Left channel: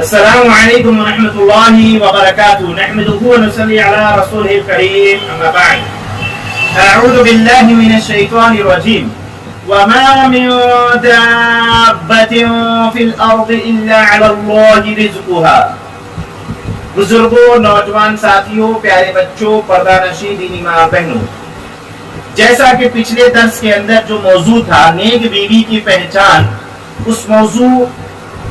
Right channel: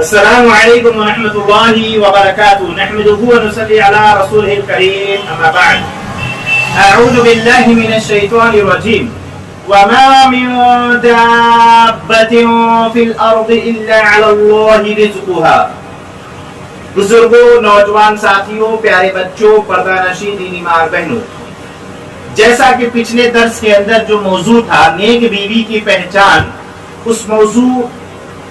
السلام علیکم ورحمۃ اللہ وبرکاتہ نحمدہ ونصلی علی رسولہ الکریم اما بعد اعوذ باللہ من الشیطان الرجیم وما من دابۃ فی الارض الا علی اللہ رزقها۔ بزرگوں، نوجوان ساتھیوں، پیارے بچوں، پردہ نشین دینی ماں بہنوں، جیسا کہ پچھلے درس کے اندر جو موضوع تھا نیک بیوی کی پہچان، اس موضوع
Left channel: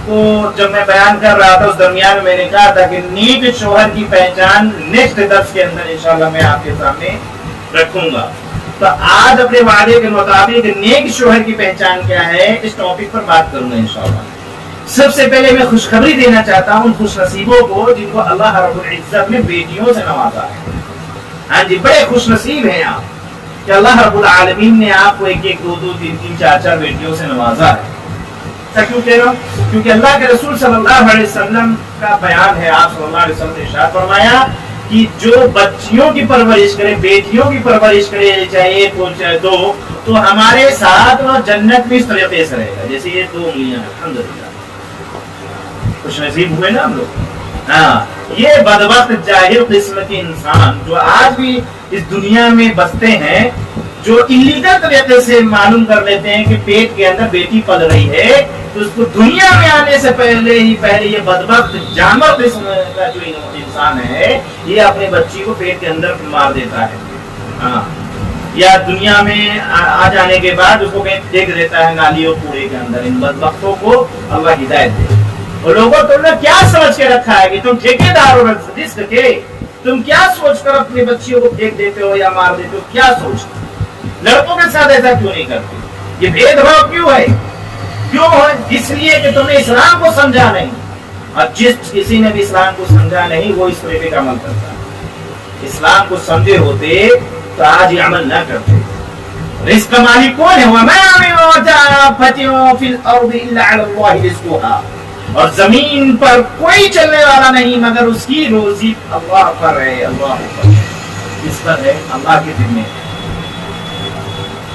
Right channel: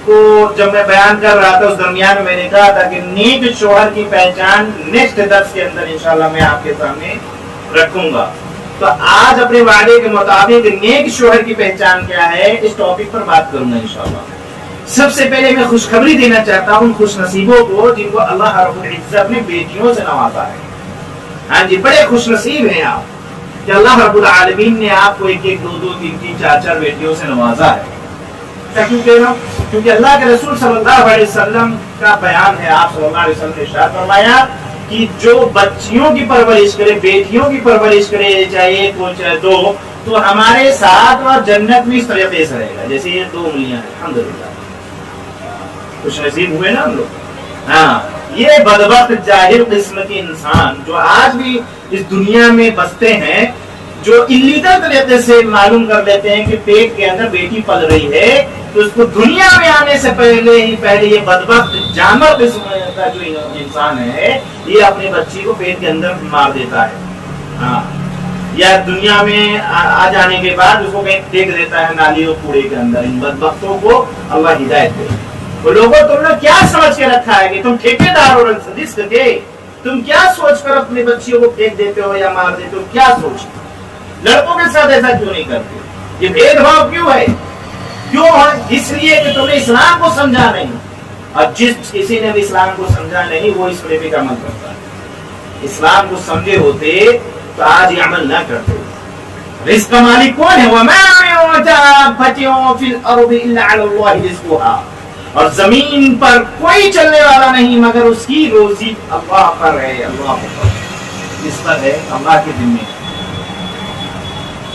کو جب میں بیان کر رہا تھا اس درمیان میں نے کہا تھا کہ نیک شوہر کی پہچان نیکسٹ درس کے اندر انشاءاللہ میں آپ کے سامنے رکھوں گا۔ تو آج اپنے وعدے کے مطابق نیک شوہر کی پہچان کیا ہے اس ٹاپک پر بات کروں گا انشاءاللہ۔ سب سے پہلے میں خوشخبری دینا چاہتا ہوں ان خوش نصیبوں کو جن کو اللہ رب العزت نے بیٹیوں سے نوازا ہے۔ ہاں جی، بڑے خوش نصیب ہیں آپ کہ اللہ رب العالمین نے آپ کو ایک ایک دو دو تین تین چار چار بیٹیوں سے نوازا ہے۔ کیوں کہہ رہا ہوں؟ کیونکہ اللہ کے رسول صلی اللہ علیہ وسلم کا بیان ہے، آپ صلی اللہ علیہ وسلم نے ارشاد فرمایا کہ جو بچیوں کی پرورش کرے، بیٹیوں کی پرورش کرے، چاہے ایک ہو چاہے دو، تو ہمارے ساتھ وہ جنت میں اس طریقے سے رہے گا جیسے یہ دو انگلیاں ہیں۔ الحمدللہ خوش نصیب ہوئے نا ہم لوگ۔ ہاں، یہ بدبخت جاہل قسم کے انسان جو آج بھی اس دنیا میں بستے ہیں، جو اللیگل طریقے سے معلوم کر لیتے ہیں کہ پیٹ کے اندر بیٹی پل رہی ہے، تو اس کو دنیا میں آنے سے پہلے یہ بدبخت جانور قسم کا جو انسان ہے یہ اپنے بچی کو پیٹ کے اندر مار دیتا ہے، ہاں، یا دنیا میں آ جانے کے بعد اس کو کہیں پھینک دیتا ہے نالیوں کوڑے کے اندر۔ ان بدبختوں کو اللہ ہدایت دے۔ اور لوگوں تم نے کیا سمجھ کے رکھا ہے کہ تم ٹھیکیدار ہو رزق کے؟ تم کیا سوچ کر اپنی بچیوں کو پھینک دیتے ہو یا مار دیتے ہو؟ کیا سوچ؟ لڑکوں کے ساتھ ایسا کیوں نہیں کرتے؟ یہ بھید بھاؤ کیوں ہے؟ کیوں ہے؟ اس لیے کہ تم نے اسلام کو سمجھا نہیں، اور جس کسی نے بھی اسلام کو سمجھا نہیں وہ اس طریقے کا عمل کرتا ہے۔ اسلام کو سمجھے ہوتے تو آج یہ عمل نہ کرتے۔ رزق کا مالک کون ہے؟ وَمَا مِن دَابَّةٍ فِي الْأَرْضِ إِلَّا عَلَى اللَّهِ رِزْقُهَا، اور زمین پر کوئی چلنے والا نہیں مگر اس کی روزی اللہ پر ہے، اللہ پر، کس پر ہے؟ اللہ کے ذمہ۔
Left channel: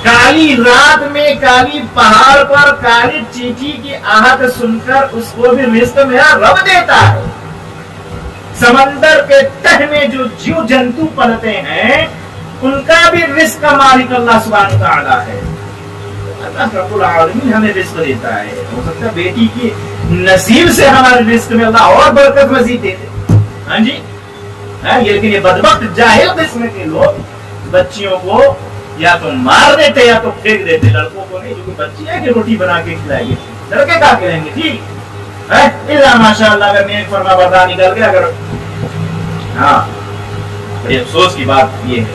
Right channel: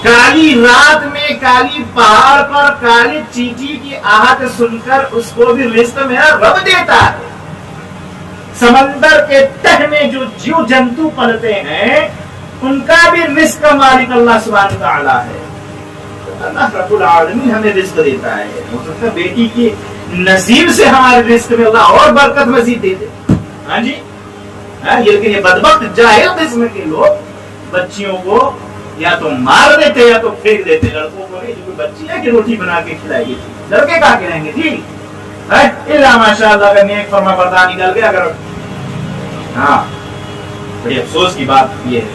کالی رات میں کالی پہاڑ پر کالی چیٹی کی آہٹ سن کر اس کو بھی رزق میرا رب دیتا ہے۔ سمندر کے تہ میں جو جیو جنتو پلتے ہیں ان کا بھی رزق کا مالک اللہ سبحانہ وتعالی ہے۔ اللہ رب العالمین ہمیں رزق دیتا ہے۔ ہو سکتا ہے بیٹی کی نصیب سے ہمارے رزق میں اللہ اور برکت مزید دے دے۔ ہاں جی، لیکن یہ بدبخت جاہل قسم کے لوگ بچیوں کو یا تو مار دیتے یا تو پھینک دیتے۔ لڑکوں کو نہیں، جو کوئی بچی ہے کہ روٹی بنا کے کھلائے گی، لڑکے کہاں کھلائیں گے؟ ٹھیک ہے، اللہ ماشاء اللہ اگر نیک فرما بردار نکل گیا، اگر ہاں، بڑی افسوس کی بات یہ ہے۔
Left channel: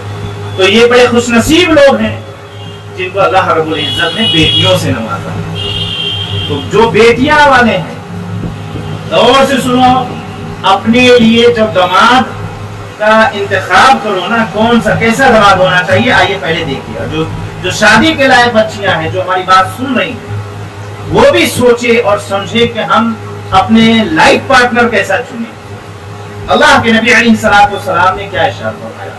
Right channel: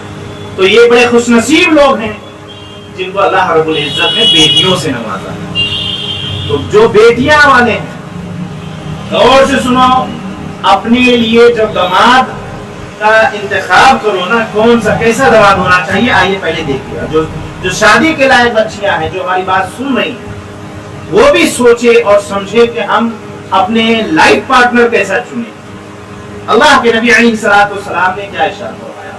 تو یہ بڑے خوش نصیب لوگ ہیں جن کو اللہ رب العزت نے بیٹیوں سے نوازا۔ تو جو بیٹیاں والے ہیں غور سے سنو، اپنے لیے جب داماد کا انتخاب کرو نا، کون سا کیسا داماد ہونا چاہیے، آئیے پہلے دیکھیے۔ جو شادی کے لائق بچیاں ہیں جو ہماری بات سن رہی ہیں وہ بھی سوچے اور سمجھے کہ ہم اپنے لائف پارٹنر کیسا چنیں۔ اللہ کے نبی علیہ الصلوۃ والسلام نے کیا ارشاد فرمایا؟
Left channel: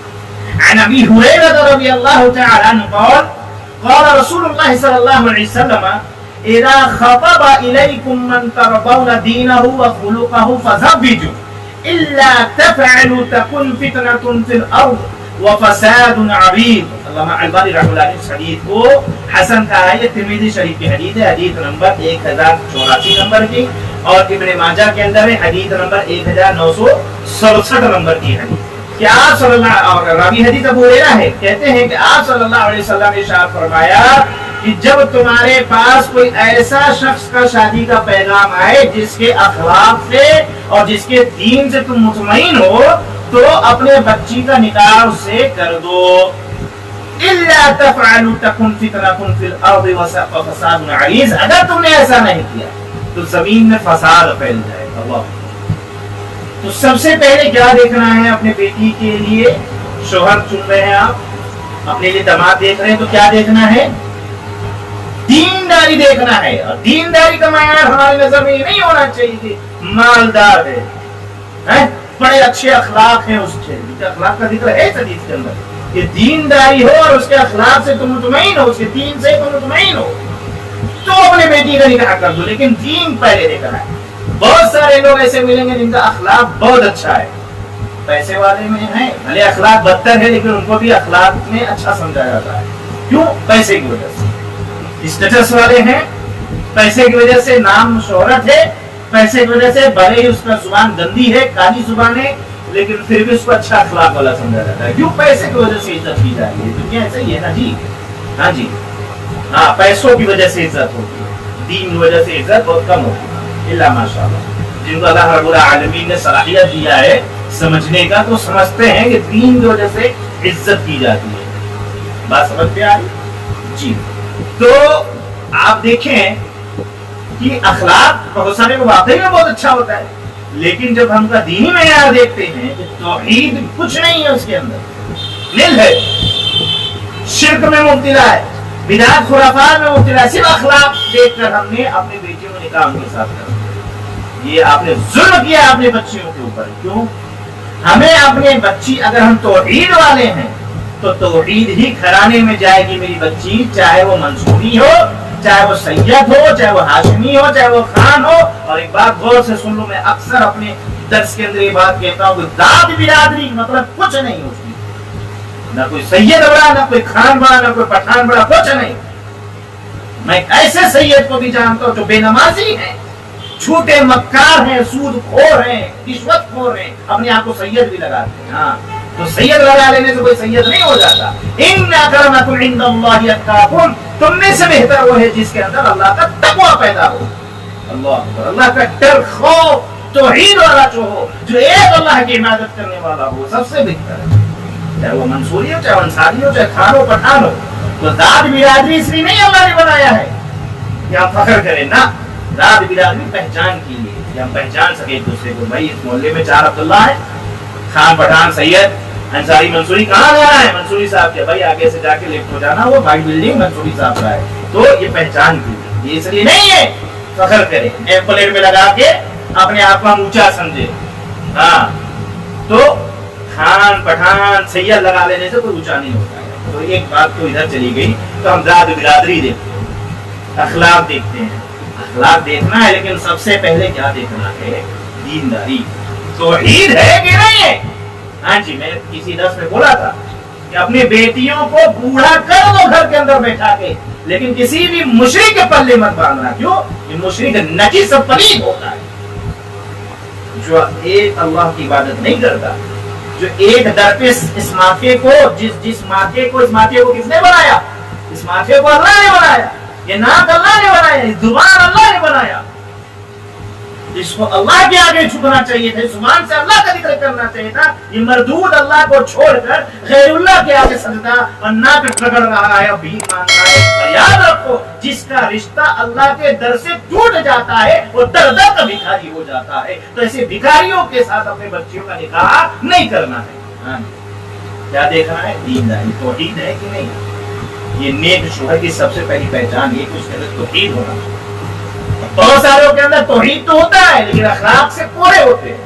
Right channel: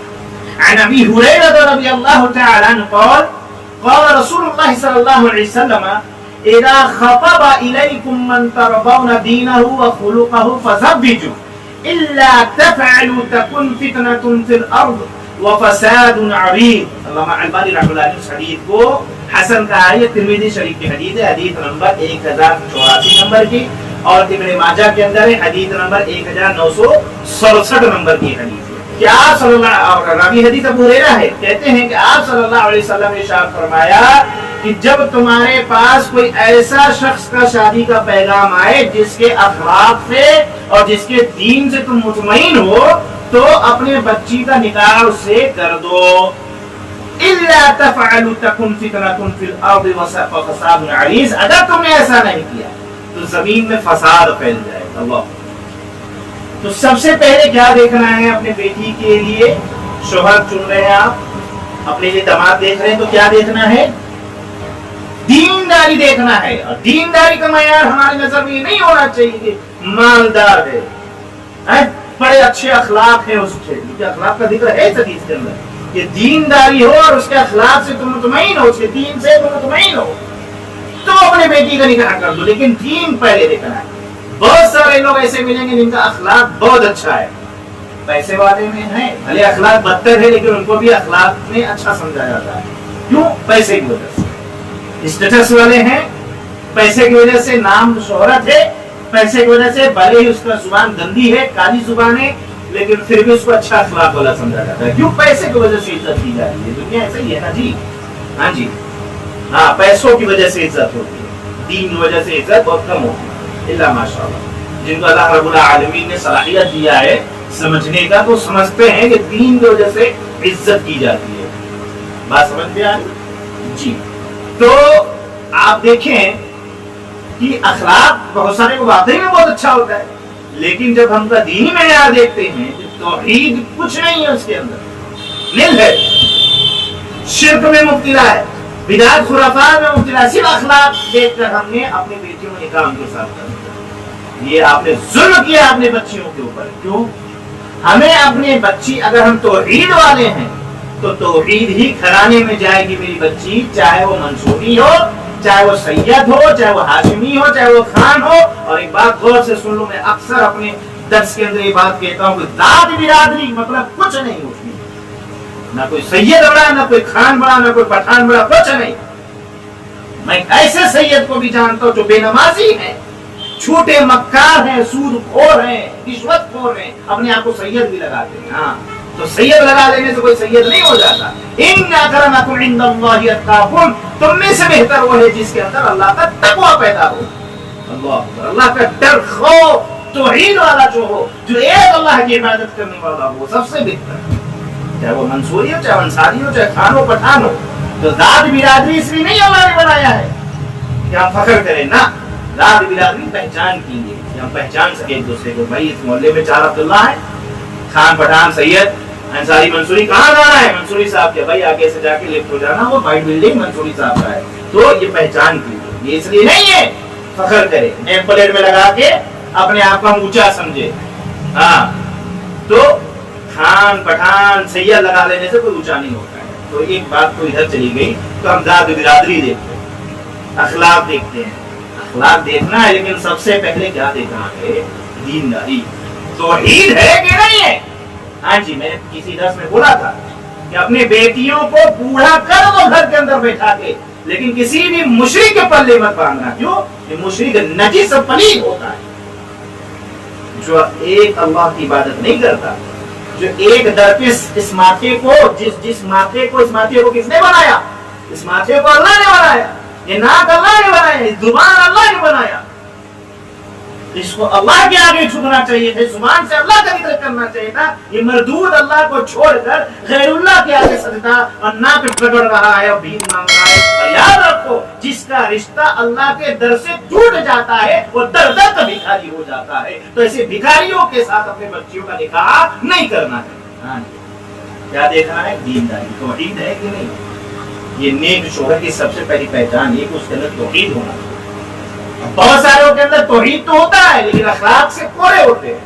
عن ابی ہریرہ رضی اللہ تعالی عنہ قال قال رسول اللہ صلی اللہ علیہ وسلم اذا خطب الیکم من ترضون دینہ وخلقہ فزوجوہ الا تفعلوا تكن فتنة في الارض وفساد عريض۔ علامہ البانی رحمہ اللہ علیہ اس حدیث کو حسن کہا ہے۔ یہ ترمذی شریف کی حدیث ہے، حدیث نمبر 1084 نمبر کی، اور ابن ماجہ کے اندر ہے حدیث نمبر 1967 نمبر کی حدیث ہے کہ آپ صلی اللہ، اور راوی حدیث ابو ہریرہ ہے، کہتے ہیں کہ آپ صلی اللہ علیہ وسلم نے ارشاد فرمایا کہ جب تمہارے پاس کوئی ایسا شخص کا شادی کا پیغام آئے جس کے اخلاق سے اور جس کے دین سے تم مطمئن ہو تو اپنے بچی کا نکاح اس سے کر دو۔ الا تفعلوا تكن فتنة في الارض وفساد عريض، اگر تم نے ایسا نہیں کیا تو زمین میں فساد پھیل جائے گا۔ اللہ، تو سب سے پہلے کیا دیکھنا ہے اپنے بیٹی کے لیے؟ شوہر چن رہے ہیں آپ، اپنے لیے داماد دیکھ رہے ہیں تو کیا دیکھنا ہے؟ دینداری دیکھنا ہے۔ اور دینداری کا معیار ہماری نظر میں نہیں ہونا چاہیے کہ مالدار ہے، بڑے اچھے اخلاق ہیں اس کے، اخلاق کا ذکر ہے اس حدیث کے اندر کہ دینداری ہو اور اس کے اخلاق سے تم مطمئن ہو، اس کے دین سے تم مطمئن ہو تو اپنے بیٹی کا نکاح کر دو، لیکن دین پہلے دیکھنا ہے۔ بہت سارے لوگ ایسے ملیں گے جن کا اخلاق بہت اچھا ہے، پیسے والے میں ہیں، بھلے اخلاق بدتر ہے لیکن ان کو بھی اخلاق میں اچھا سمجھا جاتا ہے. کیوں؟ پیسے کی وجہ سے. اسٹیٹس والے ہیں، پیسے کی وجہ سے نام شہرت ہے، پیسے کی وجہ سے بھلے ہی اس کا زبان گندی ہے، کالی زبان ہے، لیکن پھر بھی اس کو اچھا اخلاق والا سمجھا جاتا ہے. کیوں؟ پیسے کی وجہ سے عزت کی جا رہی ہے. دنیا ایسا ہی ہے نا جی. ہاں جی، ہاں، پیسوں کی وجہ سے عزت ہوتی ہے، دین کی وجہ سے عزت بہت کم ہوتی ہے. اللہ ماشاء اللہ جن کو اللہ رب العالمین نے صلاحیت دیا ہے سمجھنے کا، تو سمجھتے ہیں کہ دین کی وجہ سے عزت کی جاتی ہے. بات سمجھتے آ رہی جی. تو آپ دیکھیں کہ اخلاق بہت سارے کو واقعی میں بہت اچھا ہوتا ہے، لیکن جب ہم کا دینی معیار دیکھتے ہیں کہ توحید کچھ نہیں ہے، اس کے اندر نیل ہے، شرک میں مبتلا ہے، بدعت خرافات میں مبتلا ہے. صرف اخلاق دیکھ کر ہم نے اپنے بیٹیوں کو نکاح کے ساتھ کر دیا. یہ آپ نے ظلم کیا اپنے بچیوں کے اوپر. کیوں؟ ہمیں اپنے بچی، اگر ہم توحید والے ہیں تو توحید ہی گھرانے میں جائے گی میری بچی، چاہے وہ منصوری ہو، چاہے وہ سید ہو، چاہے وہ ہاشمی ہو، چاہے وہ خان ہو. اور ایک بات غور سے سن لو، میں اکثر اپنے درس کے اندر یہ بات کہتا ہوں کہ ذات برادری مطلب کچھ نہیں اس میں، نہ کوئی سید بڑا، نہ کوئی خان بڑا، نہ کوئی پٹھان بڑا، کچھ نہیں. میں ایسے سید کو بھی جانتا ہوں جو بے نمازی ہیں، چھوٹے مکار ہیں، سود خور ہیں، رشوت خور ہیں، اپنے آپ کو سید بھی لگاتے ہیں. ہاں، تو سید لگا لینے سے کوئی سید نہیں ہو جاتا. ان اکرمکم عند اللہ اتقاکم، تم میں سے بہتر وہ ہے جس کے اندر اللہ کا تقوی پیدا ہو. اللہ اکبر، اللہ کا ڈر، خوف، توحید والا جو ہو، جو ایک اللہ کی عبادت کرنے والا ہو، سب سے بہتر ہے. چاہے وہ منصوری ہو، چاہے انصاری ہو، چاہے خان ہو، پٹھان ہو. تو ذات برادری اس لیے نہیں اللہ نے بنایا ہے کہ ہم فخر کریں، نہ، ذات برادری پہچان کی لیے کہ ہم پہچان سکے ایک دوسرے کو. بھائی اس محلے میں 4 عبداللہ ہے، خان، پٹھان، سید، انصاری، منصوری. کہاں جانا ہے؟ منصوری صاحب کے. بھائی آگے سے جا کے لیفٹ ہو جانا، وہ بھائی بلڈنگ منصوری صاحب کا ہے. تو یہ پہچان کی لیے، یہ اس لیے نہیں ہے فخر کرے، نیم پلیٹ میں لگا کے اپنے آپ کو ہم اونچا سمجھے. ہاں، تو خان، پٹھان، سید لگا لینے سے کوئی اونچا نہیں ہوتا ہے. تو ایک بات تو ادھر چلی گئی. تو ہم ذات برادری دیکھتے ہیں، اخلاق دیکھتے ہیں. اخلاق دیکھنا ہے، لیکن سب سے پہلے کیا دیکھنا ہے؟ دینداری. توحید ہے کہ نہیں ہے؟ ہاں جی، میں کسی درس میں بولا تھا کہ اپنی بیٹیوں کو بوڑھا کر دو گھر کے اندر بیٹھا کے، لیکن کسی بھی مشرک کے پلے مت باندھنا. کیوں؟ یہ مشرک نجس پلید ہوتا ہے، جو ایک اللہ کی عبادت نہیں کرتا، جو ایک در پہ اس ماتھے کو، جس ماتھے کو کس نے بنایا؟ اس ماتھے کو اللہ نے بنایا. یہ ناک اللہ نے بنایا، یہ زبان اللہ نے بنایا. اس کو اللہ کے آگے جھکنا چاہیے تھا، زبان سے اللہ کا ذکر کرنا چاہیے تھا. یہ مردود اللہ کو چھوڑ کر غیر اللہ کے آگے سجدہ اور ناک رگڑ رہا ہے اور بھیک مانگ رہا ہے. اور یاد رکھو، جس کا رشتہ اللہ کے در سے ٹوٹ جاتا ہے وہ در در کا بھکاری ہو جاتا ہے. تو ایسے بھکاریوں کے ساتھ اپنے بچیوں کا نکاح نہیں کرنا ہے. کیا دیکھنا ہے؟ دینداری. توحید ہے کہ نہیں؟ یہ نیک شوہر کی سب سے پہلی پہچان یہ کہ اس کے اندر توحید ہونا. بہت ساروں کے اندر توحید تو ہوتا ہے لیکن اخلاق سے پورے ہوتے ہیں.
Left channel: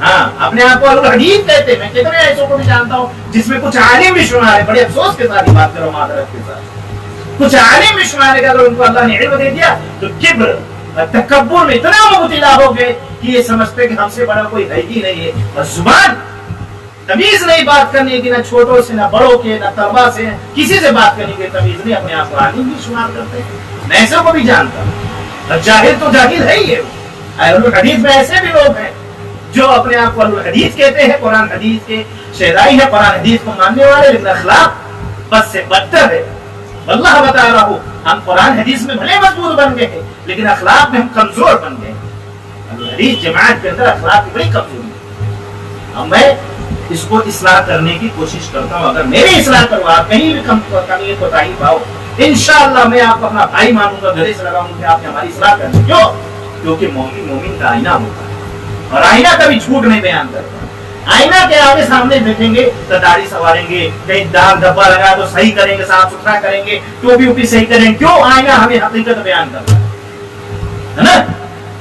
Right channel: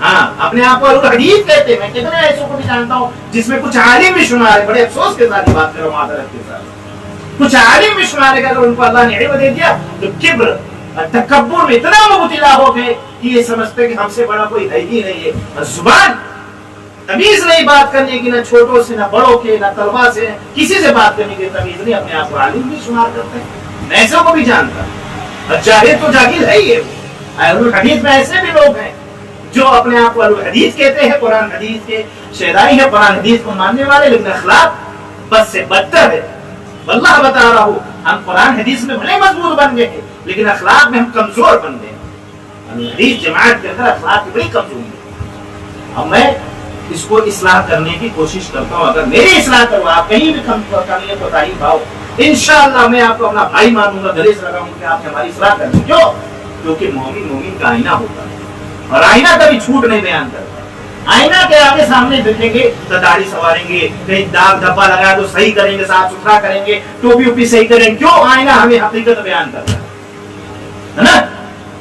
ہاں، اپنے آپ کو الحدیث کہتے ہیں. میں کتنے ایسوں کو بھی جانتا ہوں جس میں کچھ عالم بھی شمار ہے. بڑے افسوس کے ساتھ یہ بات کر رہا ہوں، معذرت کے ساتھ. کچھ عالم بھی شمار ہے کہ اگر ان کو اللہ نے علم دے دیا تو کبر اور تکبر میں اتنا مبتلا ہو گئے کہ یہ سمجھتے کہ ہم سے بڑا کوئی ہے ہی نہیں ہے. اور زبان تمیز نہیں بات کرنے کی، نہ چھوٹوں سے، نہ بڑوں کے، نہ طلبا سے، کسی سے بات کرنے کی تمیز نہیں. اپنے آپ کو عالم بھی شمار کرتے ہیں. میں ایسوں کو بھی جانتا ہوں. اور جاہل تو جاہل ہے ہی ہے. اہل الحدیث میں ایسے بھی لوگ ہیں جو اپنے آپ کو اہل الحدیث کہتے ہیں، قرآن حدیث کے شہدائی ہیں، قرآن حدیث کو ماننے والے، لیکن اخلاق بد سے بدتر ہے. واللہ بتا رہا ہوں، ہم قرآن حدیث میں بھلے مضبوط بن گئے ہیں لیکن اخلاق میں ہم کمزور بن گئے ہیں. اہل الحدیث جماعت کے اندر اخلاق کی بڑی کمزوری ہے. اب میں اس کو اصلاح کرنے کی کوشش کرتا ہوں. اگر میری اصلاح کرو، آپ کہیں بھی کمی ہے کوتاہی پاؤ، انشاءاللہ میں آپ کو اپنا بھائی مانوں گا، گلے سے لگاؤں گا کہ آپ نے ہماری اصلاح کرنی. کیوں؟ کیونکہ مومن مومن کا آئینہ ہوتا ہے اور آئینہ کبھی جھوٹ نہیں بیان کرتا. آئینہ کے آگے سامنے دیکھیں گے تو داڑھی سنواریں گے، کہیں داغ دھبا لگا تو صحیح کریں گے، صاف ستھرا کریں گے، ٹوپی اوپی صحیح کریں گے. کیوں؟ آئینہ ہمیں حقیقت بیان کرتا ہے نا.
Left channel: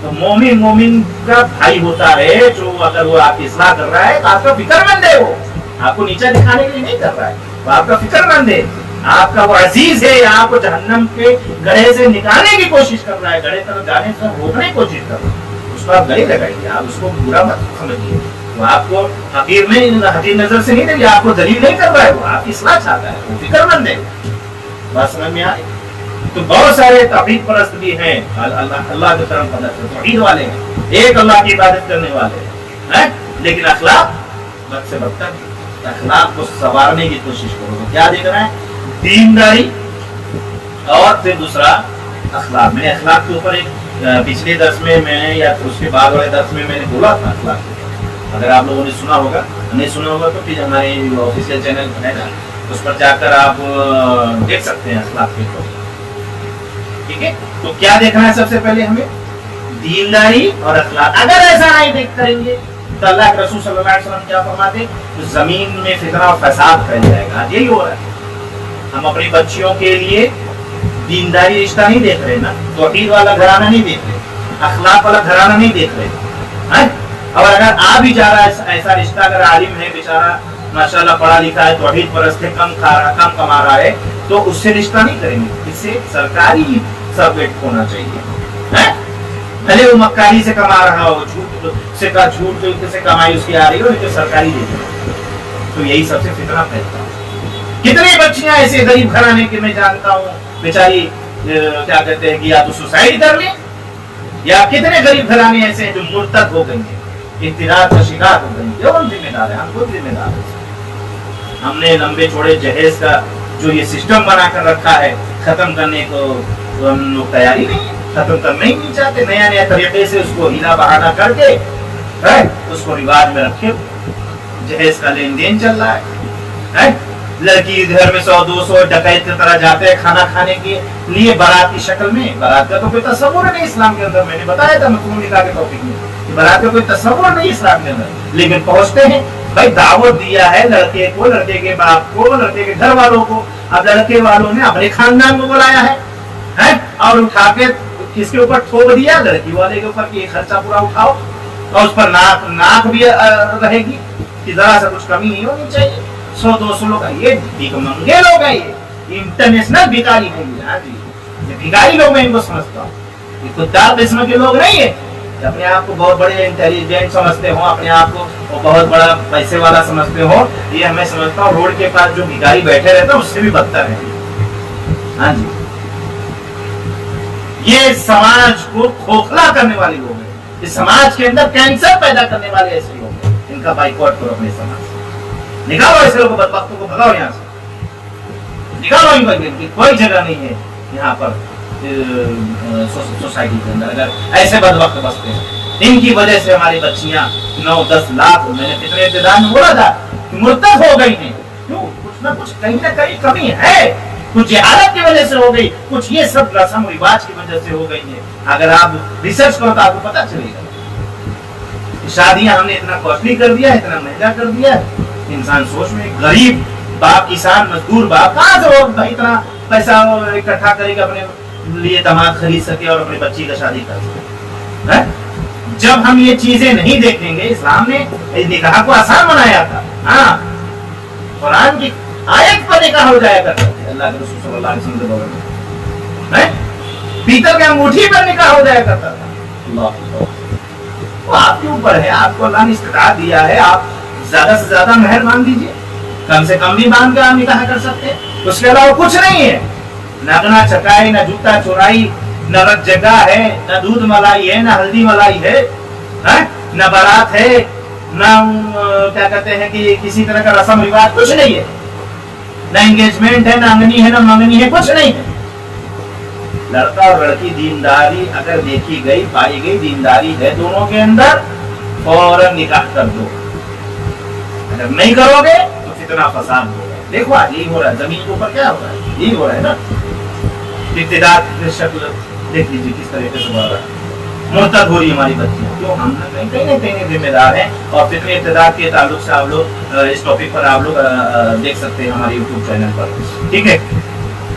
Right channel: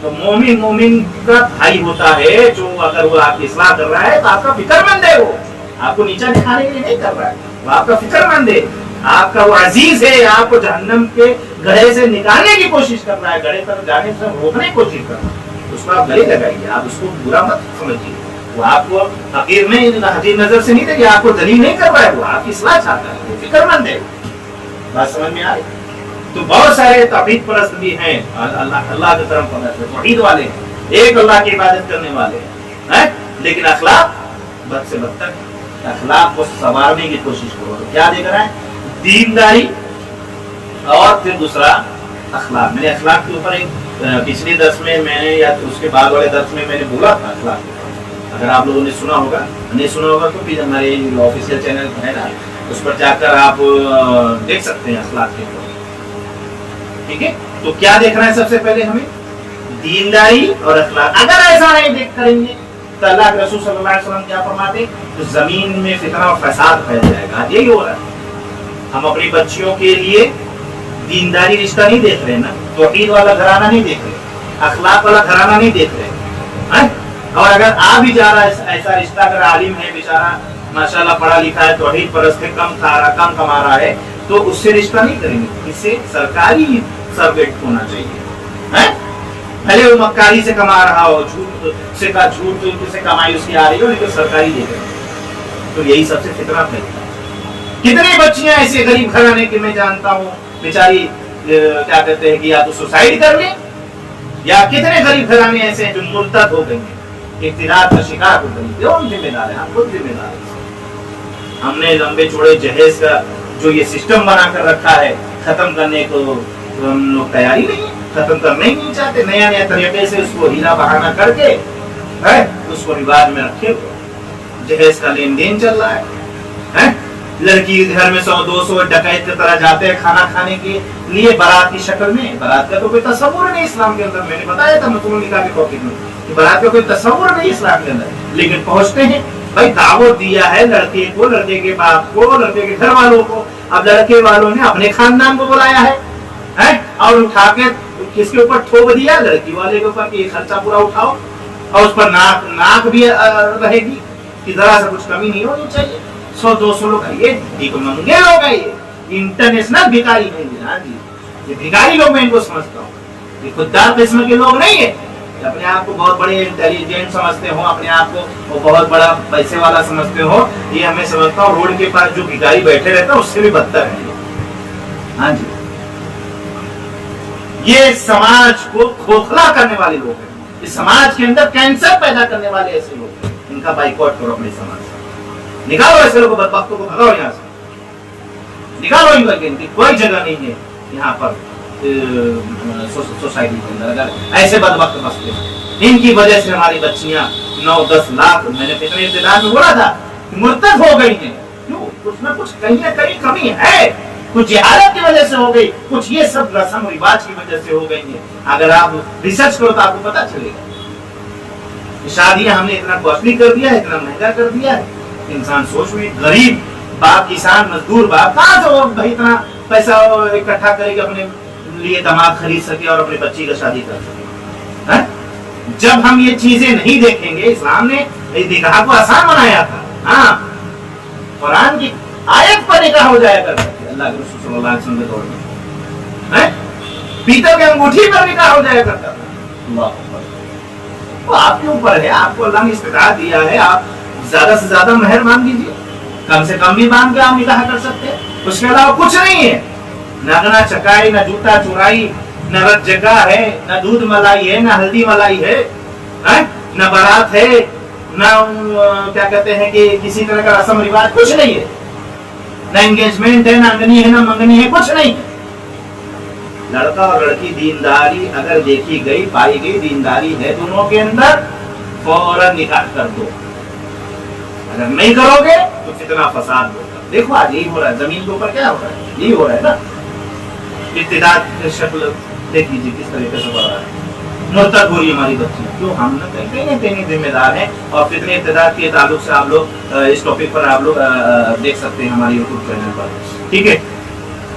تو مومن مومن کا بھائی ہوتا ہے، جو اگر وہ آپ کی اصلاح کر رہا ہے تو آپ کا فکر مند ہے. وہ آپ کو نیچا دکھانے کے لیے نہیں کر رہا ہے، وہ آپ کا فکر مند ہے، آپ کا وہ عزیز ہے. آپ کو جہنم کے گڑھے سے نکالنے کی کوشش کر رہا ہے، گڑھے تک جانے سے روکنے کی کوشش کر رہا ہے. اس کو آپ گلے لگائیے, آپ اس کو برا مت سمجھیے. وہ آپ کو حقیر نظر سے نہیں دے گا, آپ کو ذلیل نہیں کر رہا ہے, وہ آپ کی اصلاح چاہتا ہے, وہ فکر مند ہے. بات سمجھ میں آئی؟ تو بہت سارے توحید پرست بھی ہیں, اللہ کی طرف توحید والے ہیں, ایک اللہ کی عبادت کرنے والے ہیں, لیکن اخلاق بد سے بدتر ہے. اخلاق کو سنوارنے کی کوشش کرو. تو کیا دیکھ رہا ہے؟ دینداری اور پھر دوسرا اخلاق. میں نے اخلاق کے اوپر ایک پچھلے درس میں نے یا اس کے بعد والے درس میں نے بولا تھا اخلاق کے اوپر. اگر آپ لوگوں نے سنا ہوگا, نہیں سنا ہوگا تو پھر ہمارے آفیشیل چینل ہے نا, اس پر جا کر آپ دیکھ سکتے ہیں اخلاق کے اوپر. ٹھیک ہے, تو کیا دیکھنا ہے سب سے پہلے ہمیں؟ دینداری اور اخلاق. اگر ایسا نہیں دیکھ کریں گے تو اللہ کے رسول صلی اللہ علیہ وسلم کیا فرماتے؟ تو زمین میں فتنہ اور فساد پھیل جائے گا. یہی ہو رہا ہے. ہم اپنی بچیوں کے لیے دینداری رشتہ نہیں دیکھ رہے نا, توحید والا گھرانہ نہیں دیکھ رہے, اخلاق والا گھرانہ نہیں دیکھ رہے. اور اگر آ بھی جا رہا ہے ایسا رشتہ, اگر عالم ہے بیچارہ ماشاءاللہ پڑھا لکھا ہے, توحید پرست ہے, کم کما رہا ہے, تو اس سے رشتہ نہیں کریں گے. اس سے سرکاری سروینٹ ہونا چاہیے. بھلے وہ مکاری سے کما رہا ہو, جھوٹ سے کمائی اس کی آ رہی ہو, لیکن سرکاری دے کر. تو یہی سب سے فتنہ پھیلتا ہے. کتنی بچیاں ایسے غریب گھرانے کے میں جانتا ہوں, بیچاری کیا کہتے ہیں کہ یا تو سوسائڈ کر لیں, یا کتنے غریب گھرانے ایسے ہیں جو مرتد ہو گئے ہیں, اقتدار کا شکار ہو گئے ہیں. کون ذمہ دار ہے؟ ہم خود ذمہ دار ہیں. ہم نے لمبے چوڑے جہیز کا جو یہ سسٹم بنا کر رکھا ہے, ختم کرنے کو ہم لوگ تیاری نہیں ہے, ختم کرنا ہی نہیں چاہتے. نیا نیا طریقے سے اس کو ہیلا بہانا کر کے اس کو رواج میں رکھے, جہیز کا لین دین چل رہا ہے. لڑکی گھر میں 100-200 ڈکیت کی طرح جاتے ہیں کھانا کھانے کے لیے بارات کی شکل میں. بارات کا تو کوئی تصور نہیں اسلام کے اندر. میں نے بتایا تھا مکمل نکاح کے ٹاپک میں کہ بارات کا کوئی تصور نہیں اسلام کے اندر, لیکن پہنچتے ہیں. بھائی دعوت دیا ہے لڑکے کو, لڑکے کے باپ کو, لڑکے کے گھر والوں کو. اب لڑکے والوں نے اپنے خاندان کو بلایا ہے اور اٹھا کے کس کے اوپر ٹھوک دیا؟ لڑکی والے کے اوپر, کہ خرچہ پورا اٹھاؤ, اور اس پر ناک بھی رہے گی کہ ذرا سا کچھ کمی نہیں ہونی چاہیے. 100-200 لوگ, یہ بھیک مانگے لوگ ہیں, یہ انٹرنیشنل بھکاری نہیں ہے. ہاں جی, یہ بھکاری لوگ میں ان کو سمجھتا ہوں. یہ خوددار قسم کے لوگ نہیں ہیں, اپنے آپ کو بہت بڑے انٹیلیجنٹ سمجھتے ہو, اپنے آپ کو بہت بڑا پیسے والا سمجھتے ہو. یہ ہمیں سمجھتا ہوں روڈ کے پاس جو بھکاری بیٹھے رہتے ہیں اس سے بھی بدتر ہے. ہاں جی, یہ سماج کو کھوکھلا کرنے والے لوگ ہیں. اس سماج کے اندر کینسر پیدا کرنے والے ایسے لوگ ہیں. ان کا بائیکاٹ کرو اپنے سماج سے. نکالو ایسے لوگوں کو, بدبختوں کو بھگاؤ یہاں سے, نکالو ان کی کوئی جگہ نہیں ہے یہاں پر سوسائٹی کے اندر. اگر ایسے بدبخت بستے ہیں, ان کی وجہ سے ہماری بچیاں 9-10 لاکھ, میں نے کتنے ابتدا میں بولا تھا کہ مرتد ہو گئی ہیں. کیوں؟ کچھ نہ کچھ کہیں نہ کہیں کمی ہے. کچھ جہالت کی وجہ سے ہو گئی, کچھ یہ سب رسم و رواج کی وجہ سے ہو گئی ہیں. اگر آپ ریسرچ کرو تو آپ کو پتہ چلے گا. شادیاں ہم نے اتنا کاسٹلی کر دیا ہے, اتنا مہنگا کر دیا ہے. انسان سوچ میں, غریب باپ, کسان مزدور باپ کہاں سے وہ بھائی اتنا پیسہ اکٹھا کرے گا اپنے لیے دماغ خرید سکے اور اپنے بچی کا شادی کر سکے. جب ہم یہ چیزیں نہیں دیکھیں گے, اسلام نے نکاح کو آسان بنایا تھا. ہاں, قرآن کی آیت پر نکاح ہو جایا کرتا تھا اللہ کے رسول صلی اللہ علیہ وسلم کے دور میں. پیتل کے انگوٹھی پر نکاح ہو جایا کرتا تھا. اللہ, وہ آپ کے اوپر ہے. آپ کو اللہ نے استطاعت دیا ہے, آپ زیادہ سے زیادہ مہر مان دیجیے, کم سے کم بھی مان کے آپ نکاح کر سکتے ہیں. اس کے علاوہ کچھ نہیں ہے. نہ گنا چکائی, نہ جوتا چورائی, نہ رت جگہ ہے, نہ دودھ ملائی ہے, نہ ہلدی ملائی ہے, نہ بارات ہے, نہ کیا کہتے ہیں کہ کسی طرح کا رسم رواج, کچھ نہیں ہے. نہ انگیجمنٹ ہے, نہ انگنی ہے, نہ منگنی ہے, کچھ نہیں ہے. لڑکا اور لڑکی دینداری اگر دیکھی گئی, پائی گئی دینداری ہے دونوں کے اندر, فوراً نکاح کر دو. اگر نہیں کرو گے تو فتنہ فساد ہوگا. دیکھو آج یہی ہو رہا ہے زمین کے اوپر, کیا ہو رہا ہے, یہی ہو رہا ہے نا. ابتداء کی شکل دیکھ لیجیے کس طریقے سے بڑھ رہا ہے. مرتد ہو رہی ہے ہماری بچیاں. کیوں؟ ہم نہ کہیں نہ کہیں ذمہ دار ہیں. اور فتنہ ابتداء کے تعلق سے آپ لوگ اس ٹاپک پر آپ لوگ دیکھ سکتے ہیں ہمارے یوٹیوب چینل پر. ٹھیک ہے,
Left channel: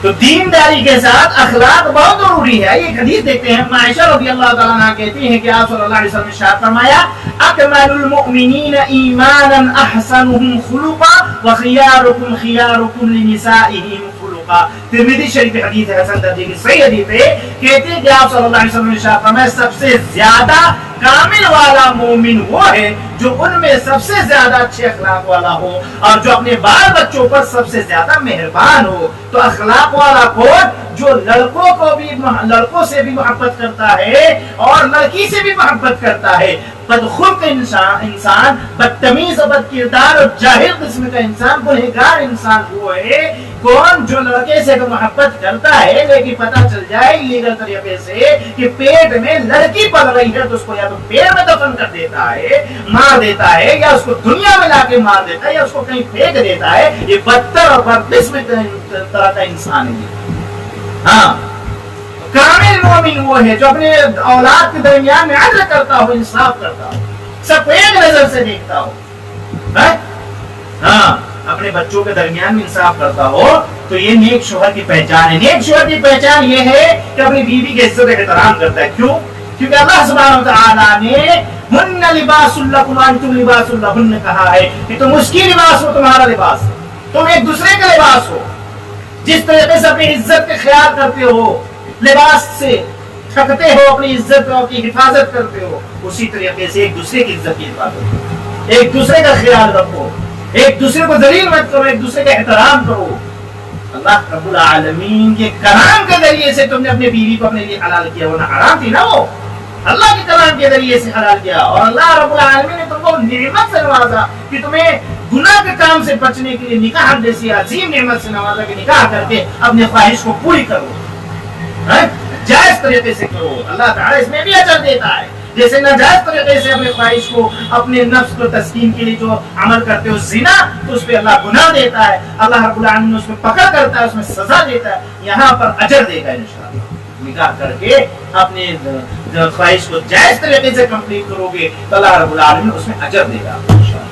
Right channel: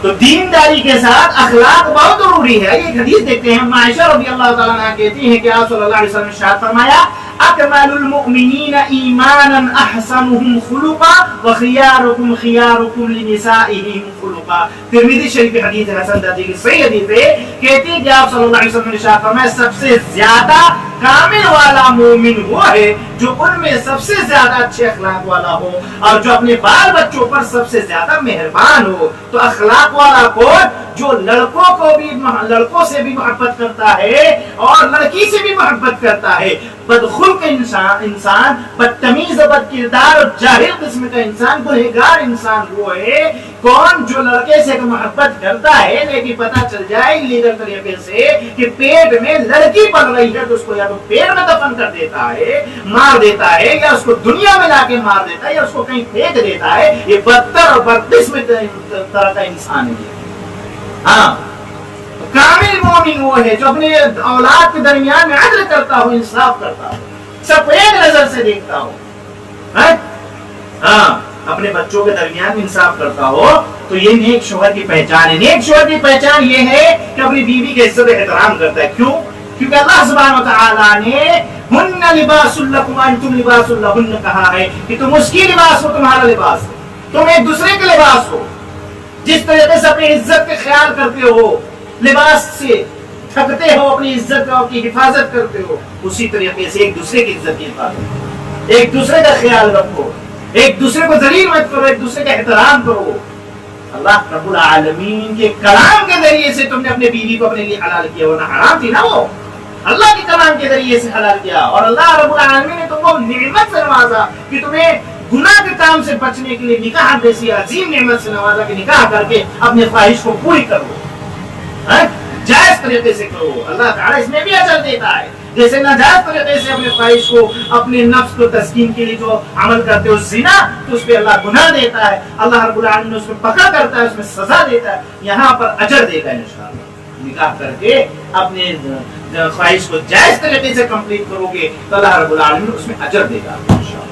تو دینداری کے ساتھ اخلاق بہت ضروری ہے. یہ حدیث دیکھتے ہیں, عائشہ رضی اللہ تعالیٰ عنہا کہتی ہیں کہ آپ صلی اللہ علیہ وسلم نے ارشاد فرمایا, اکمل المؤمنین ایمانا احسنهم خلقا وخیارکم خیارکم لنسائهم خلقا. ترمذی شریف حدیث ہے, حسن درجے کی صحیح حدیث ہے کہتی ہے کہ آپ صلی اللہ علیہ وسلم نے ارشاد فرمایا سب سے زیادہ کامل والا مومن وہ ہے جو ان میں سب سے زیادہ اچھے اخلاق والا ہو اور جو اپنے بال بچوں پر سب سے زیادہ مہربان ہو. تو اخلاق والا کون؟ جو لڑکوں سے بھی محبت کرتا ہے اور لڑکی سے بھی محبت کرتا ہے. بدخلق انسان، بدتمیز و بد کردار اور جاہل قسم کا انسان، گنہگار انسان وہ ہے کون؟ جو لڑکے سے تو محبت کرتا ہے لیکن پتہ چل جائے لیگل طریقے سے کہ پیٹ میں لڑکی پل رہی ہے تو اس کو یا تو پیڑ میں دفن کر دیتا ہے، مار دیتا ہے، یا اس کو دنیا میں لا کے مار دیتا ہے، یا اس کو کہیں پھینک دیتا ہے. یہ بدتر اور بدقسم طرح کا انسان ہے. ہاں، کامل مومن وہ ہے جو اپنے اولاد کے درمیان میں عدل کرتا ہو، انصاف کرتا ہو، سب کو ایک نظر سے دیکھتا ہو. ہاں، اپنے بچوں کے درمیان میں انصاف کرتا ہو. تو یہ نیک شوہر کی پہچان ہے. نیک شوہر کی پہچان یہ ہے کہ اپنی بیوی کی عزت و احترام کرتا ہے. کیوں؟ کیونکہ اللہ سبحانہ وتعالیٰ نے ہن لباس لکم انتم لباس لہن کہا ہے کہ تم اس کی لباس ہو، تمہارا لباس ہو، تم ایک دوسرے کا لباس ہو. جس طریقے سے اپنی عزت کا خیال کرتے ہو، لباس سے تھکتے ہو، اپنی عزت کی حفاظت کرتے ہو، اسی طریقے سے ایک دوسرے کی عزت کی حفاظت کرو، ایک دوسرے کا خیال رکھو، ایک دوسرے کو ذلیل مت کرو، ایک دوسرے کا احترام کرو. اللہ رب العالمین کے کلام کے ذریعے سے تم نے اپنے بیوی کو اپنے لیے حلال کیا، ورنہ حرام تھی نا وہ. اللہ کے کلام کے ذریعے سے حلال کیا اور اللہ رب العالمین نے تم کو نعمت سے نوازا کہ تمہیں گناہ کے کام سے بچنے کے لیے نکاح جیسی عظیم نعمت سے نوازا کہ نکاح کر کے اپنے خواہش کو پوری کرو، جائز طریقے سے کرو. اللہ تعالیٰ اس میں بھی اجر دیتا ہے. جیسے ناجائز طریقے سے اپنے خواہش کو، اپنے نفس کو تسکین کے لیے جو عمل کرتے ہو زنا، تو اس پہ اللہ گناہ دیتا ہے، اللہ رب العالمین اس میں پکڑ کرتا ہے، اس میں سزا دیتا ہے. یہاں پر اجر دے گا انشاءاللہ. نکاح کر کے اپنے خواہش کو جائز طریقے سے کمپلیٹ کرو گے تو اللہ رب العالمین اس میں اجر دے گا انشاءاللہ.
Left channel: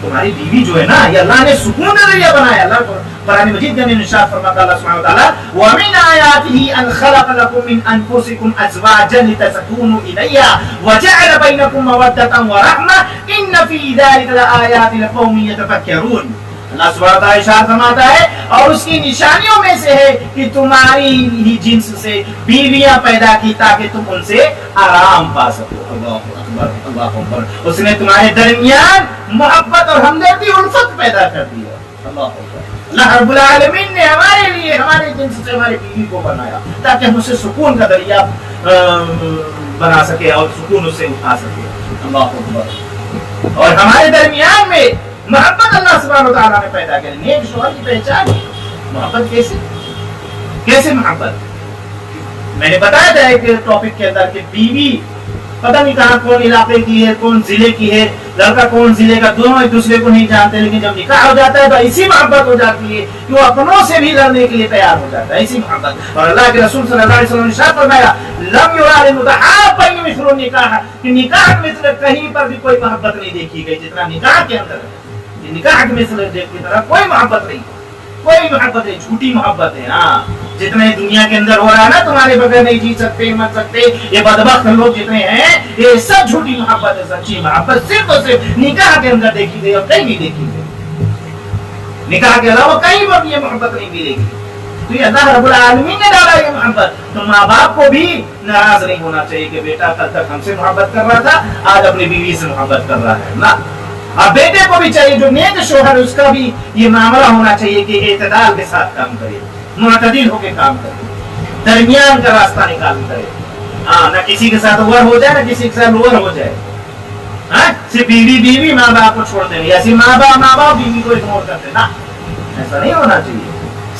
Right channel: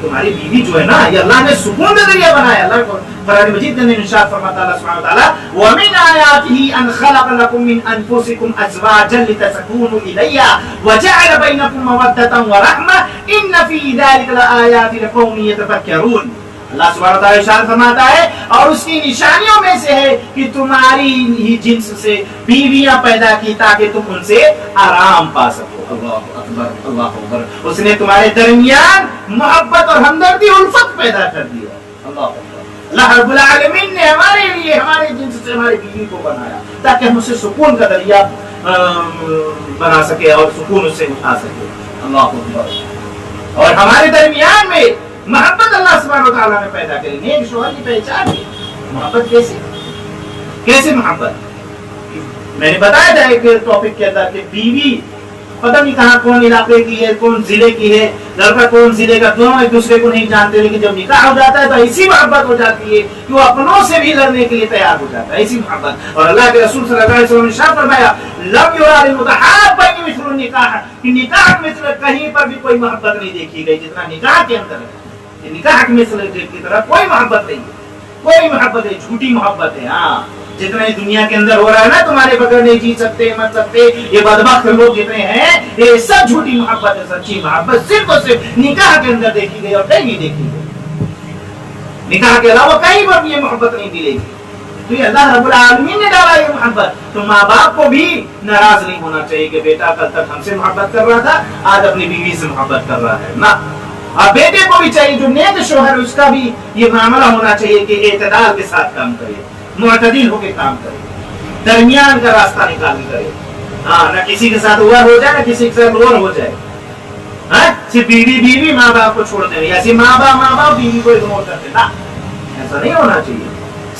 تمہاری بیوی جو ہے نا، یہ اللہ نے سکون کا ذریعہ بنایا. اللہ کو قرآن مجید کے اندر ارشاد فرماتا اللہ سبحانہ وتعالی وَمِنْ آيَاتِهِ أَنْ خَلَقَ لَكُم مِّنْ أَنفُسِكُمْ أَزْوَاجًا لِتَسْكُنُوا إِلَيْهَا وَجَعَلَ بَيْنَكُم مَّوَدَّةً وَرَحْمَةً إِنَّ فِي ذَلِكَ لَآيَاتٍ لِقَوْمٍ يَتَفَكَّرُونَ. اللہ سبحانہ وتعالی ارشاد فرماتا ہے اور اس کی نشانیوں میں سے ہے کہ تمہاری ہی جنس سے بیویاں پیدا کی تاکہ تم ان سے آرام پا سکو. اللہ اکبر، اللہ اکبر. اس نے تمہارے درمیان محبت اور ہمدردی، الفت پیدا کر دیا. اللہ اکبر. اللہ رب العالمین نے ہمارے لیے ہمارے جنس سے ہماری بیوی کو بنایا تاکہ ہم اسے سکون کا ذریعہ بنا سکے اور سکون اس سے اٹھا سکے. اللہ اکبر. اور ہمارے درمیان میں محبت اللہ سبحانہ وتعالیٰ نے پیدا کری. نیک شوہر کی پہچان محبت. کیسے محبت؟ میں نے بتایا تھا ایک ٹاپک کے اندر کہ بیوی پتہ نہیں کہاں کون علاقے کی ہے، کون ضلع کی ہے، لڑکا کون ضلع کا، دونوں ایک دوسرے کو نہیں جانتے، لیکن جب نکاح ہو جاتا ہے تو ایسی محبت ہو جاتی ہے کہ وہ اپنوں سے بھی لڑنے کے لیے تیار ہو جاتا ہے. ایسی محبت. اور اللہ کے رسول صلی اللہ علیہ وسلم نے ارشاد فرمایا لم یرا للمتحابین مثل النکاح، کہ نکاح مثل کہیں پر بھی کوئی محبت نہیں دیکھی گئی جتنا نکاح کے اندر ہے. نکاح کے مثل کی طرح کوئی محبت نہیں، کوئی محبت نہیں، جھوٹی محبت ہے. ہاں، جتنے دنیا کے اندر ہو رہا ہے نا، تمہارے بغیر نہیں جی سکتے، مر سکتے، یہ بدبخت لوگ جتنے ہیں، یہ سب جھوٹی محبت ہے. سچی محبت صرف اور صرف نکاح کے اندر دیکھی گئی اور کہیں نہیں دیکھی گئی. نکاح کے علاوہ کہیں پر بھی یہ محبت نہیں ملے گی. تو یہ اللہ رب العالمین نے ڈالا یہ محبت. تو ماں باپ کو بھی ناراض نہیں ہونا چاہیے کہ بیٹا کل تک ہم سے محبت کر رہا تھا، آج اپنی بیوی سے محبت کر رہا ہے نا. اور بیٹے کو بھی چاہیے جو نیک شوہر اس کا بھی یہ معاملہ ہونا چاہیے کہ اعتدال کے ساتھ کام کرے، معتدل ہو کے کام کرے، درمیان کا راستہ نکال کرے. ہاں، نہ کسی کے ساتھ اوور ہو جائے، نہ کسی کے ساتھ لوور ہو جائے. ہاں، صرف بیوی ماں باپ کو چھوڑتے نہیں، ایسے ماں باپ بیوی کو اگنور کرتے نا. ایسا نہیں ہونا چاہیے.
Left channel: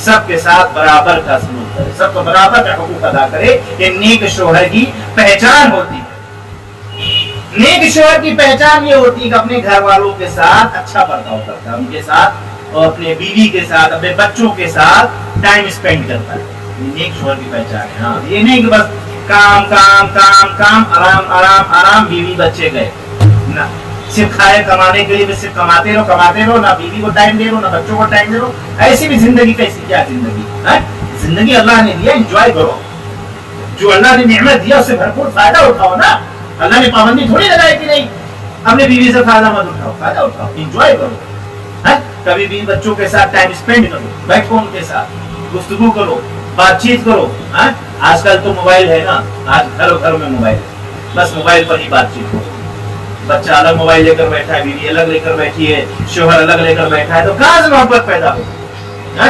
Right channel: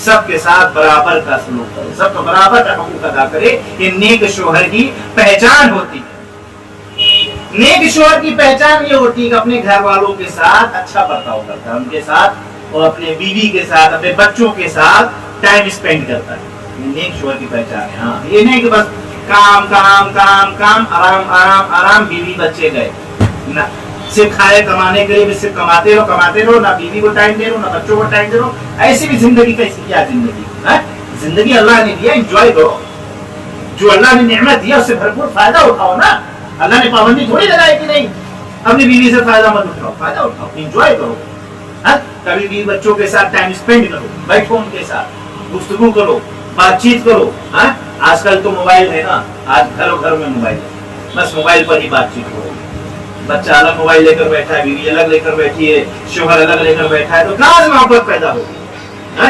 سب کے ساتھ برابر کا سلوک کرے، سب کو برابر کا حقوق ادا کرے. یہ نیک شوہر کی پہچان ہوتی ہے. نیک شوہر کی پہچان یہ ہوتی ہے کہ اپنے گھر والوں کے ساتھ اچھا برتاؤ کرتا ہے، ان کے ساتھ اور اپنے بیوی کے ساتھ، اپنے بچوں کے ساتھ ٹائم اسپینڈ کرتا ہے. یہ نیک شوہر کی پہچان ہے. ہاں، یہ نہیں کہ بس کام کام کام کام، آرام آرام آرام، بیوی بچے گئے نہ. صرف کھائے کمانے کے لیے بھی صرف کماتے رہو، نہ بیوی کو ٹائم دے رہو، نہ بچوں کو ٹائم دے رہو. ایسی بھی زندگی کیسی؟ کیا زندگی ہے؟ زندگی اللہ نے دیا، انجوائے کرو. جو اللہ نے نعمت دیا اس سے بھرپور فائدہ اٹھاؤ نا. اللہ نے پابندی تھوڑی لگائی کہ نہیں اپنی بیوی سے فائدہ مت اٹھاؤ. فائدہ اٹھاؤ، انجوائے کرو. کبھی بھی بچوں کے ساتھ ٹائم اسپینڈ کرو، بیٹھو ان کے ساتھ، گفتگو کرو، بات چیت کرو. آج کل تو موبائل ہے نا، آج گھروں گھر میں موبائل ہے، بس موبائل پر ہی بات چیت ہو رہی ہے، بچہ الگ موبائل لے کر بیٹھا ہے، بیوی الگ لے کر بیٹھی ہے، شوہر الگ لے کر بیٹھا ہے، تو کہاں سے محبت پیدا ہوگی؟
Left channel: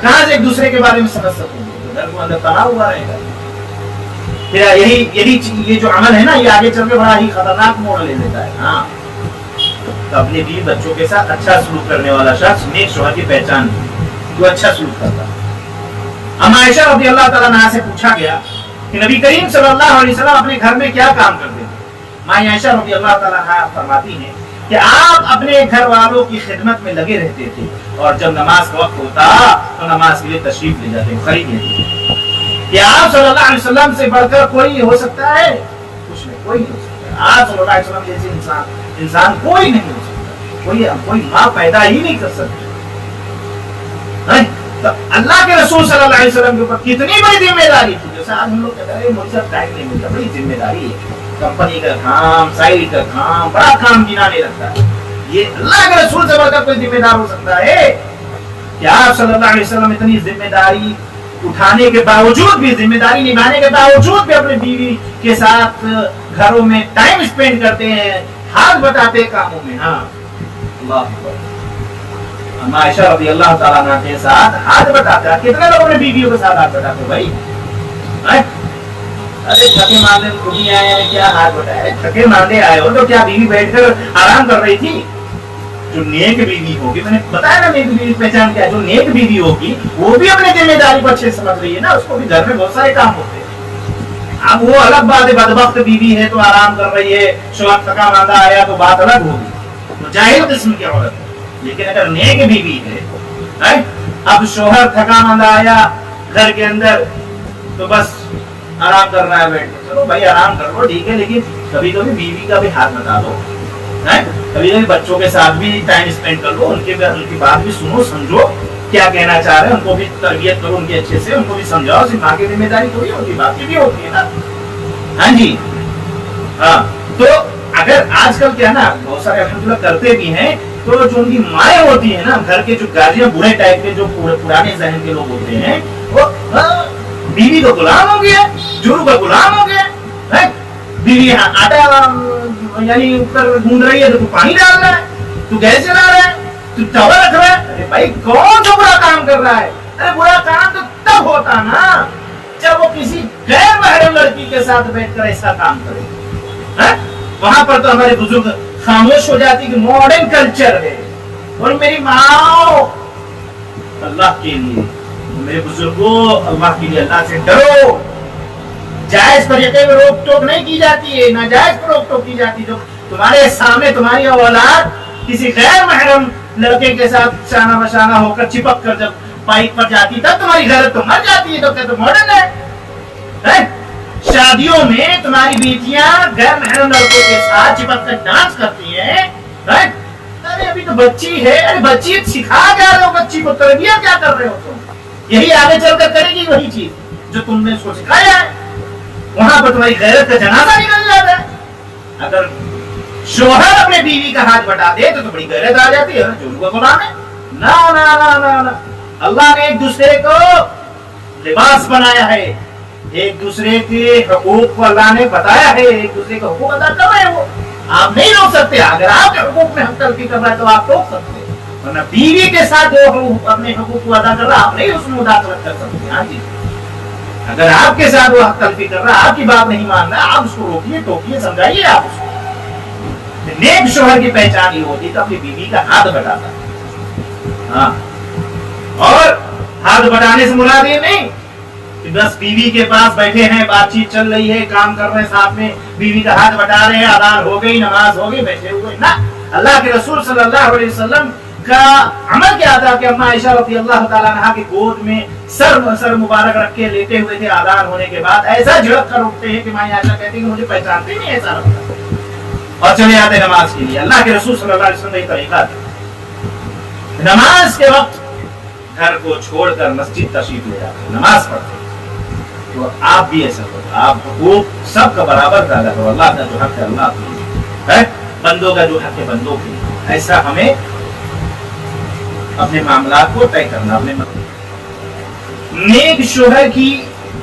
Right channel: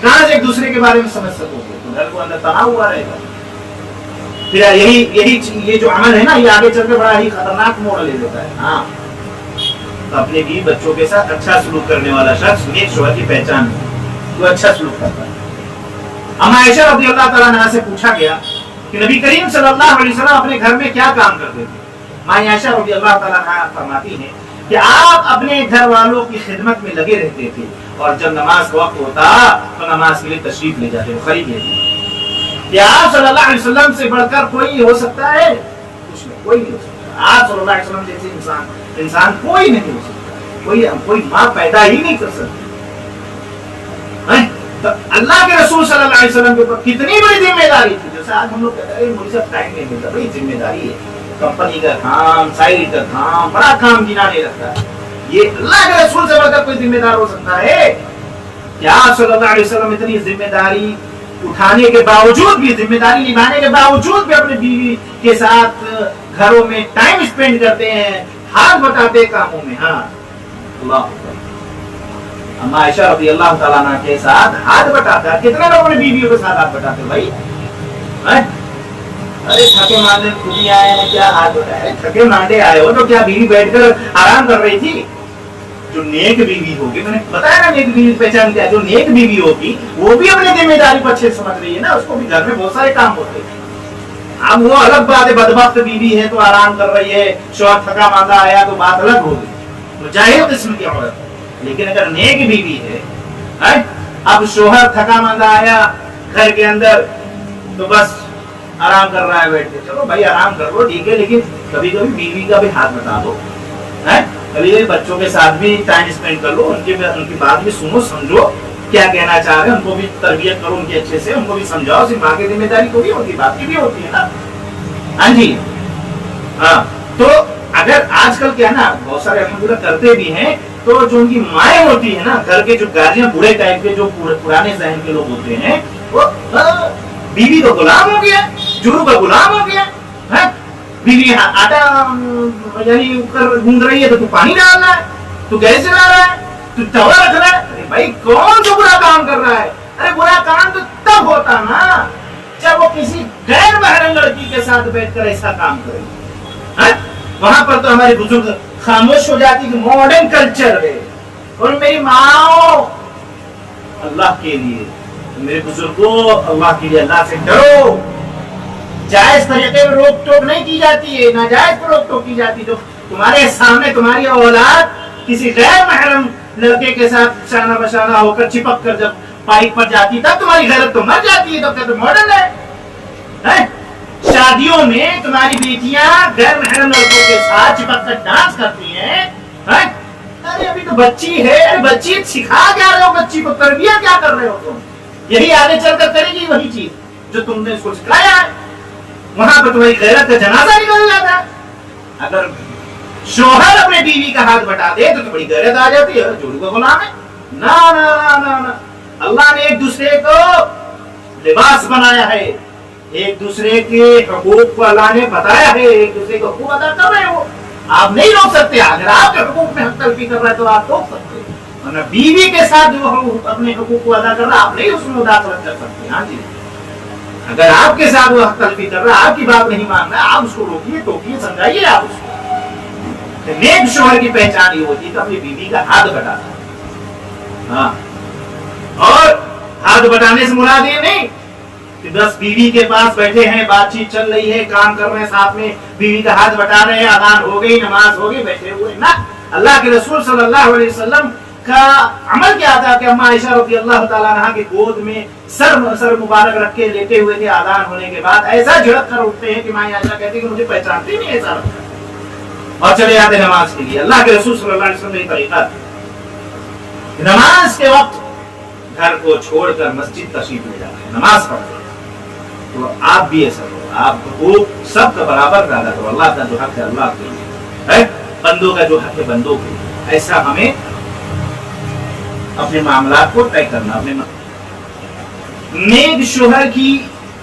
کہاں سے ایک دوسرے کے بارے میں سمجھ سکو گے؟ تو گھر کو اندر تناؤ ہوا رہے گا. پھر یہ جو عمل ہے نا، یہ آگے چل کے بڑا ہی خطرناک موڑ لے لیتا ہے. ہاں، تو اپنے بیوی بچوں کے ساتھ اچھا سلوک کرنے والا شخص نیک شوہر کی پہچان ہے، جو اچھا سلوک کرتا ہے. اما عائشہ رضی اللہ تعالیٰ عنہا سے پوچھا گیا کہ نبی کریم صلی اللہ علیہ وسلم اپنے گھر میں کیا کام کرتے تھے؟ ماں عائشہ رضی اللہ تعالیٰ عنہا فرماتی ہیں کہ آپ اپنے گھر والوں کی خدمت میں لگے رہتے تھے، اور جب نماز کا وقت ہوتا تو نماز کے لیے تشریف لے جاتے، خرید لیتے. کہ آپ صلی اللہ علیہ وسلم سے بڑھ کر کوئی ہو سکتا ہے؟ کچھ نہیں، کوئی نہیں ہو سکتا. آپ صلی اللہ علیہ وسلم جیسے انسان کوئی نہیں ہو سکتا، کوئی ماں پیدا ہی نہیں کر سکتی. تو اللہ کے رسول صلی اللہ علیہ وسلم کے اوپر کتنی بڑی ذمہ داری تھی. جیسے آج ہم لوگ کہتے ہیں مجھے اب ٹائم نہیں ملتا، بڑی ذمہ داری ہے، کمپنی کا کام، سائٹ کا کام، بڑا کام گنا نہیں لگتا. یہ اللہ کے رسول سے بڑھ کر کوئی ذمہ دار ہو سکتا ہے؟ کہ آپ صلی اللہ علیہ وسلم اتنی ذمہ داری اٹھانے کے باوجود بھی، ذمہ داری نبھانے کے باوجود بھی اپنی بیوی کے ساتھ گھروں میں ٹائم اسپینڈ کرتے ہیں، ہاتھ بٹاتے کاموں میں. ہاں، اللہ اکبر. اما عائشہ رضی اللہ تعالیٰ عنہ کے ساتھ ہاتھ بٹاتا ہے. کتنے لوگوں نے بیویوں کے ساتھ ہاتھ بٹاتے بھائی؟ ارے تھکے ماندے خود ہی آئے ہیں، کیا ہاتھ بٹائے؟ تھکے ماندے آئے ہو تو کیا بیوی بیٹھ کر آرام کر رہی تھی؟ جو نیک بیوی ہوگی، میں نے بتایا نا نیک بیوی پہچان کیا، جو نیک بیوی ہوگی وہ بھی اپنی ذمہ داری کو اچھے سمجھ رہی ہے نا. اس کو بھی گھر میں بہت سارے کام ہوتے ہیں. اب وہ الگ بات ہے، بدبخت بیوی ہے تو آرام کر رہی ہے، شوہر تھکا ماندہ آیا تو بات الگ ہوگی، تو جاہل قسم کی عورت ہے. لیکن اگر نیک بیوی ہے، اب شوہر تھکا ماندہ آیا گھر کے اندر تو بس آرام کر رہا ہے بیٹھ کے، چلو بھائی آرام کر لو ٹھیک ہے، لیکن کبھی کبھی بیوی کا بھی ہاتھ بتا دو، کبھی کبھی بچوں کے ساتھ بھی ٹائم اسپینڈ کر لو، ان کی بات بھی سنو، سمجھو کیا کہنا چاہ رہے ہیں، ان کو بھی تربیت کرو ان کی اچھے سے، ان کو بھی سمجھاؤ. صرف ماں کی ذمہ داری تھوڑی ہوتی ہے، باپ کی بھی ہوتی ہے نا. ہاں جی، ہاں. تو اگر آج کل کیا نا بہت سارے الحمدللہ کرتے بھی ہیں، تو جو ان کی مائیں ہوتی ہیں نا، گھر کے جو گارجین برے ٹائپ کے، جو پرانے ذہن کے لوگ ہوتے ہیں، وہ بیوی کا غلام ہو گیا، جورو کا غلام ہو گیا. بیوی آٹا یعنی اوپر گھوم رہی ہے تو پانی ڈال رہا ہے، تو گیس جلا رہا ہے، تو توا رکھ رہا ہے. ارے بھائی کون سا برا کام کر رہا ہے؟ ارے برا کام تو تب ہوتا نا جب وہ کسی غیر محرم لڑکی کے ساتھ بیٹھ کر ایسا کام کرے. وہاں پر تو ہمارے بزرگ خاموش ہو جاتی کہ ماڈرن کلچر ہے. اور میری ماں، اللہ کے لیے میرے بزرگوں، اللہ کے لیے اللہ سے ڈرو. جائز طریقے میں روک ٹوک نہیں کی جاتی ہے، ناجائز پر روک ٹوک کی جاتی. جو تمہارے سامنے تمہاری اولاد کسی غیر محرم لڑکے کے ساتھ شانہ بشانہ ہو کر چپک کر جب بائک پر جاتی تب تمہاری غیرت تو مر جاتی ہے. تو کہتے ماڈرن ہے. شادیوں میں تمہاری بیٹیاں غیر محرم لڑکوں کے ساتھ چپک کر ڈانس کرتی ہیں. ارے ابھی تو بچی ہے، بچی سکھا کیا رہے ہو؟ بچی کو تربیت کیا کر رہے ہو تم؟ یہی آگے چل کر کرے گی وہی چیز جو تم نے اس کو سکھایا ہے. وہاں پر تمہاری غیرت کا جنازہ نکل جاتا ہے. اگر شوہر اپنے بیوی کا ہاتھ بٹا دے تو بڑی غیرت آ جاتی ہے، جورو کا غلام ہے. نا نا نا نا نا. اللہ نے ایک دوسرے کو لباس بنایا ہے، ایک دوسرے کے حقوق کو اللہ نے بتایا ہے، ایک دوسرے کے حقوق ادا کر رہے ہیں. وہ آپ نہیں روک سکتے. اگر آپ کے حقوق میں حق تلفی کر رہا ہے تو آپ روک سکتے ہیں، ورنہ بیوی کے ساتھ جو اپنے حقوق کو ادا کر رہا ہے آپ نہیں اس میں مداخلت کر سکتے. ہاں جی، اگر آپ کے ساتھ وہ حق تلفی کر رہا ہے، آپ کی بات نہیں مان رہا، آپ اس کو روکیے، ٹوکیے، سمجھائیے. آپ اس کو نیک شوہر کی پہچان یہ ہوتی ہے کہ اپنی بیوی کا ہاتھ بٹاتا. ہاں، اور ہاتھ بٹانے سے مراد یہ نہیں کہ بس بیوی کے پاس بیٹھے ہیں، بات چیت چل رہی ہے، کام کر رہے ہیں ساتھ میں، بیوی کا ہاتھ بٹا رہے ہیں، اذان ہو گئی، نماز ہو گئی، بیٹھے ہوئے. نہ، اللہ کے رسول صلی اللہ علیہ وسلم کا عمل کیا تھا کہ اما عائشہ رضی اللہ تعالیٰ عنہا کی گود میں سر مبارک رکھ کے لیٹے ہوئے تھے. اذان ہونے کے بعد ایسا جھڑک کر اٹھتے ہیں کہ ماں عائشہ کہتی کہ مجھے پہچانتے ہی نہیں، ایسا لگتا، اور چلے جاتے نماز کے لیے. اللہ کے رسول صلی اللہ علیہ وسلم کا یہ طریقہ تھا. نماز کے وقت گھر کو چھوڑ کر مسجد تشریف لے جاتے ہیں، نماز پڑھتے ہیں. تو آپ بھی ایسا کرو، آپ حقوق سب کا برابر ادا کرو. اللہ کا جو حق ہے اللہ کے لیے ہے، بندوں کا جو حق ہے بندوں کے لیے. ایسا ہمیں اپنے معاملات کو طے کرنا. اپنے نیک شوہر کی